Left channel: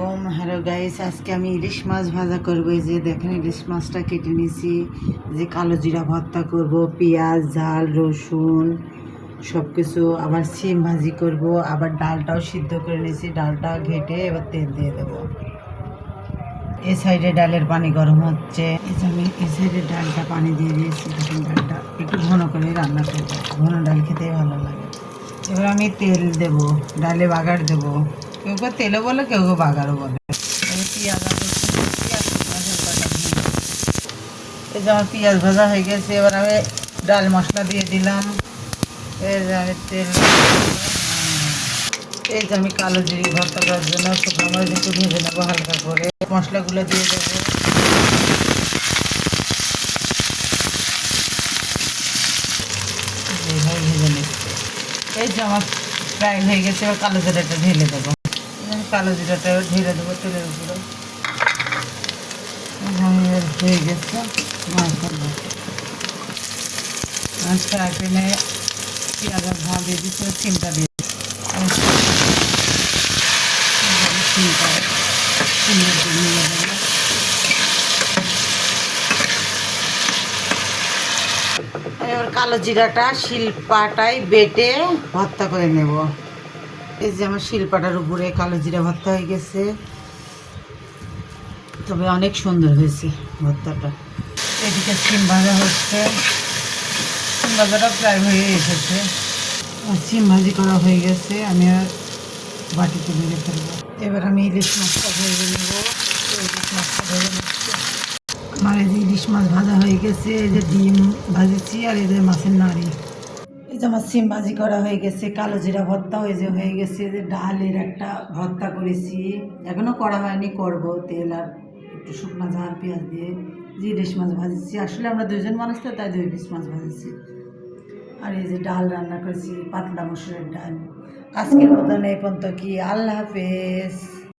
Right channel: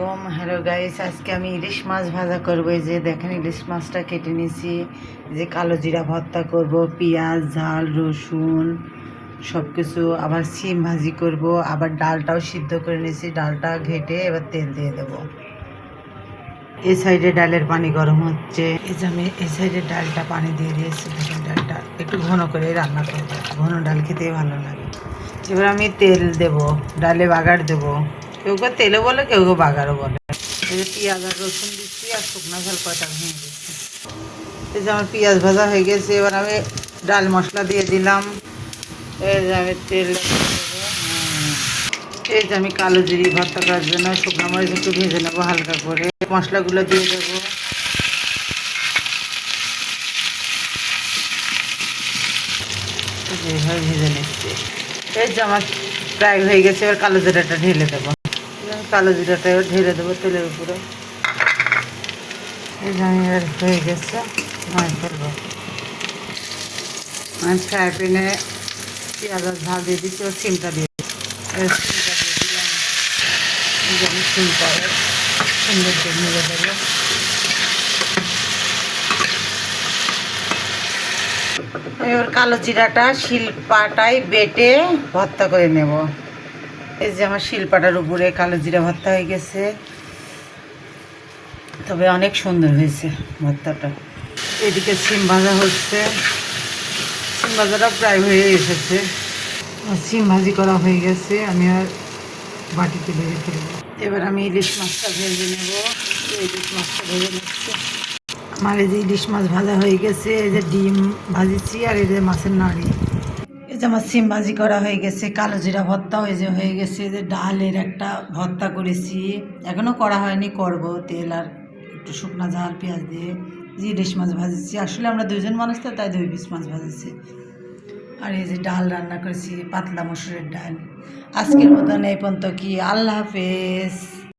আলাইকুম। Hello guys, আজকে আমি ইলিশ মাছ ভাজা করবো। এই যে দেখেন ইলিশ মাছটা কেটে নিয়েছি। যে কালো জিরা ভর্তা করব, পেঁয়াজ, ঝাল, রসুন সব কিছু, আবার সিম ভাজি করব, আবার ডালটাও সিদ্ধ করে নিয়েছি। ডালটা ঘেটে এবার তেল দিয়ে দেবো। এই সাইডে ডালের পানি গরম হচ্ছে। এই যে আমি এই সাইডে ডালটা পানি দিয়ে দিয়েছি। দেখুন ডালটা একটু ঘন করে রান্না করবো, ঘন ডাল খেতেই ভালো লাগে। এবার আমি তেল দেব, ডালে বাগার দেবো। কেউ কেউ তেলে বলে, কেউ কেউ বাগারও বলে। এই যে পেঁয়াজ আর রসুন, পেঁয়াজ ভাজার কয়টা এই যে আমার পেঁয়াজ ভাজা হয়ে গেছে। এবার আমি ডাল মশলা দিয়ে দিলাম। এই যে আমি তেল, এই যে আমি কালো জিরি ভর্তা করার জন্য শুকনো মরিচ একটু ভেজে নেবো হালকা করে। মশলাগুলো দিয়ে দেবো। এইভাবে ভেজে নিচ্ছে। এই যে আমার প্রায় হয়ে গেছে। এবার কালো জিরাটা ঢেলে দেবো। কালো জিরাটা ঢেলে দেবো তেলের উপরে। এই যে আমি এবার হয়ে গেছে, নামাই ফেলবো। আমি ফ্রাই প্যানে পেঁয়াজ আর ঝাল দিয়ে দিচ্ছি, ও সিমটা দিয়ে সিমটা সুন্দর করে মিলে দেবো। এবার কালো জিরাটা শিলপাটায় বেটে ভর্তা করে নেব। এই যে আমার শিলপাটার উপরে কালো জিরা ভর্তা হয়ে গেছে। তবে অনেক সুন্দর হয়েছে ভর্তাটা। এদিকে সিম ভাজা হচ্ছে। সিম ভাজাটা প্রায় হয়ে এসেছে। সিম ভাজি করা হয়ে গেছে। আমি আর বাটিতে ভেজে ফেলবো। এবার আমি ইলিশ মাছটা ভেজে নেব। ইলিশ মাছটা ভেজে নিচ্ছি। আমার এই যে ইলিশ মাছ ভাজা হয়ে গেছে। এই যে ডিম ভাজিছি, আর এই যে মাছের নাড়ি। এই যে আমার সিম ভাজি করা হয়ে গেছে। কালো জিরা ভর্তা ওই যে হয়ে গেছে। এই যে ডালের একটা ভর্তা করেছি, এখনও করা হয়নি, করব। তেল আর একটু শুকনো ঝাল পেঁয়াজ দিয়ে যে ইলিশ মাছ ভাজেছি। আসলে আমরা দুজন মানুষ তো, তাই 2 পিস মাছ ভাজেছি। আর এই যে ডাল রান্না করেছি, পাতলা মসুরের ডাল। আজকের মতন এই পর্যন্ত। কি, আল্লাহ হাফেজ।